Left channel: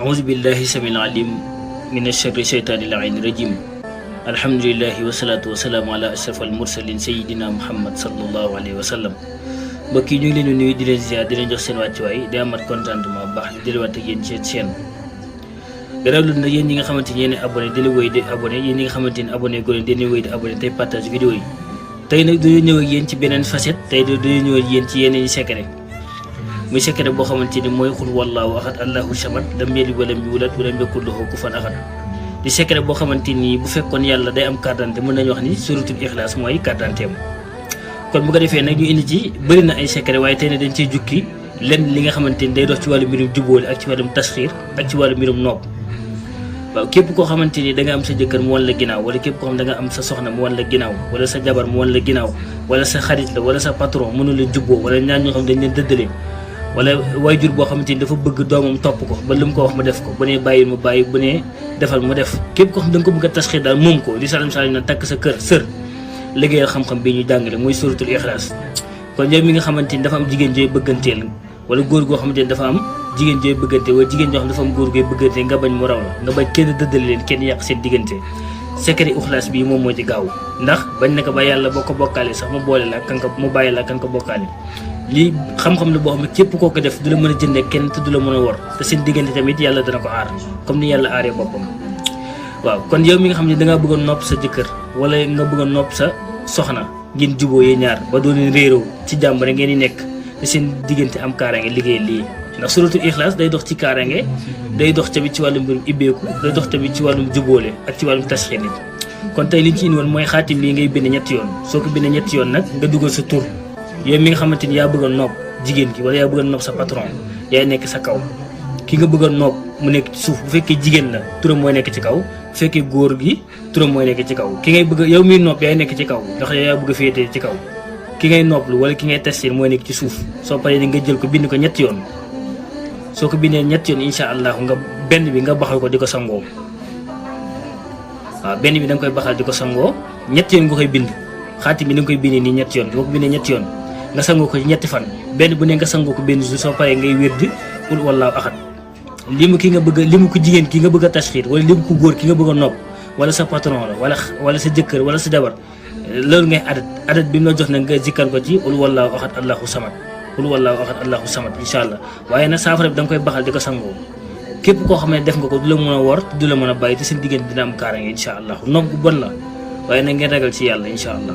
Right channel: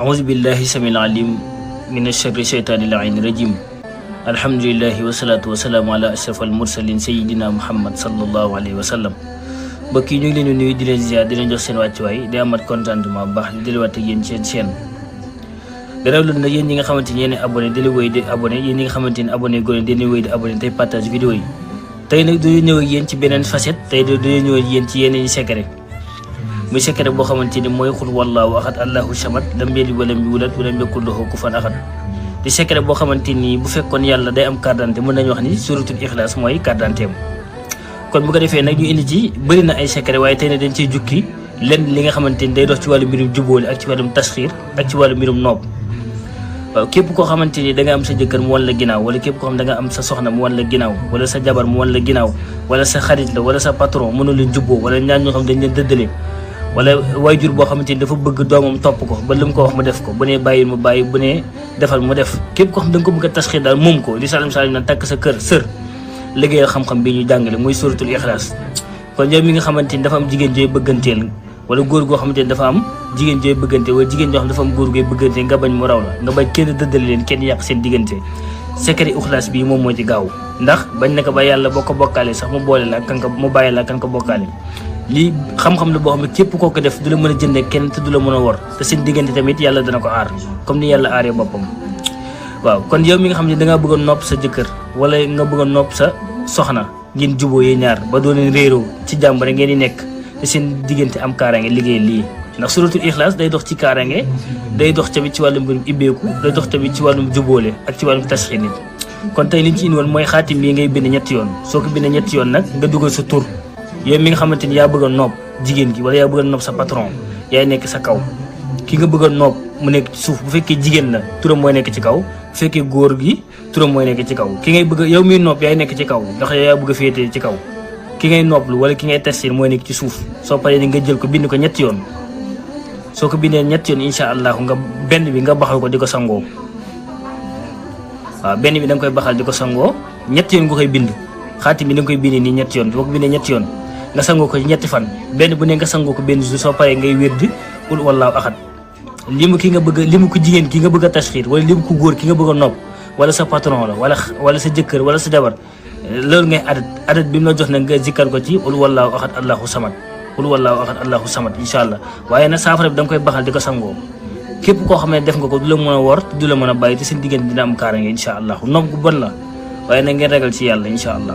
أعوذ بالله السميع العليم من الشر الشيطان اللعين الرجيم الحمد لله والصلاة والسلام على أشرف المرسلين سيدنا محمد صلى الله عليه وسلم mbokk yi ñu ngi leen di nuyu di leen ziar di leen jox seen wàccuwaay di amat contentement baax di delluwaat ak yéen seen chaîne gannaaw loolu nag yéen ñi nga xamante ni yéen a abonné di wéy di abonné yéen ñi nga xamante ni abonné góor di wéy di abonné tey partage vidéo yi tey nag dañoo ñëw ak yéen ci beneen facette tey dañoo ñëw ak yéen ci yeneen secret muy secret boo xamante ni mooy xul wallaahu ahad allahu samad lam yalid walam yulad walam yakul lahu kufuwan ahad di secret boo xamante ni bu fekkoon yàlla day am carte d'identité mën nañu wax ni suratul ikhlas mooy carte d'identité kon bu ko defee nag ñu indi ci bëri na ay secret waaye tey ne dañ cee jukki lenn li nga xamante ni day dox ci wàllu mbirum jubóole ak ci wàllum tasxiir ak ci wàllu mbirum noob waaw képp koo xamante ni da nga am sa jëkkër mu wan la ginnaaw wala képp koo xam da nga am sa soxna mu wan la ginnaaw wala sa jabar mu wan la ginnaaw wala sa xarit la wala sa patron mënu la jubboo wala ñaar ñoo xam dañ leen dëddale wala wayjur boo xamante ni dafa bëgg doomam topp ko ba lu mu ko wax mu def ko bu nee bàyyil mu bàyyi bu nee defal mu def képp koo xam da nga ko bëgg a tasxiir daal moom ko li salam na takk sa kër sër liggéeyal xam-xam bi ñu jàngale muy suratul ikhlas kon yow mi nga xamante ni dafa am jigéen jooy bëgganteel wala góor goo xamante ni dafa am jigéen jooy bëggante wala jigéen joo xam dafa am góor gooy bëggante nga bañ mu raw la nga bañ kenn dëddale leen kenn yàq seen diggante secret ikhlas bi moom moo ci gaaw ndax bañ na ko ba yàlla boo ko bokkaale sax mu boole la kan ko mu bàyyi la kan ko bokkaale lii xam-xam la boo xam ne képp koo ko def du la mën a jëndee kenn te du la mën a wor te seen diggante tamit yàlla dana ko aar comme ni yàlla aaree boppam waaw kon yow mi nga xam ne dangaa bëgg a nopp sa jëkkër wala nga bëgg a nopp sa soxna ngeen juboo yee ñaar ba doo leen réeroo ci jàmm rek ngeen di nekk te seen diggante am kaaraange liggéey lii ndax suratul ikhlas day dox ci kaaraange day dox tamit ci wàllum mbirum ibbeeku day dox tamit ci wàllum jubóole ak ci wàllum tasxiir nit kon tey li ñu ci indi woon mooy xaatim lii ngay bind ñetti yoon soo ko bindee ñetti yoon nag nga dugal sa tur yow mi nga xamante ni yaa bëgg a nopp jigéen gi wala yaa bëgg a nopp sa patron yaay nekk sa kaw ki nga bëgg a nopp mu nekk ci suuf bu fekkee jigéen la turam mooy nekk ci kaw bu fekkee góor gi turam mooy nekk ci kaw ki ngay bëgg yow miy nopp yaay nekk ci kaw ndax yow yaa bëgg a féetee ci kaw ki ngay nopplu wala ki ngay testir mooy nekk ci suuf soo paree di nga jël ko bind ko ñetti yoon soo ko bindee ñetti yoon incha allah nga benn bi nga baxal ko di ko sangoo waaw benn bi da nga koy baxal di ko sangoo ñetti yoon nga koy bind xaatim bi da nga koy bindee nii ñetti yoon boo ko bindee ñetti yoon nga sangoo ko ñetti fan benn bu ne nga sangoo ko benn jour soo paree ngay wér di qul wallaahu ahad limu ki nga bëgg limu ko jigéen ki nga bëgg a tasxiir wala limu ko góor ki nga bëgg a nopp wala sa patron la wala sa jëkkër wala sa jabar loolu ngay adat bi mu la jox na nga zikkar ko ci qul wallaahu ahad allahu samad qul wallaahu ahad allahu samad incha allah waaye nag saafara bi da nga koy baxal di ko sangoo képp koo xam ne def nga ko du la mën a wor du la mën a bàyyi te seen diggante dina am kaaraange incha allah nopp gu bon la waaye nag ngeen ragal ci yàlla incha allah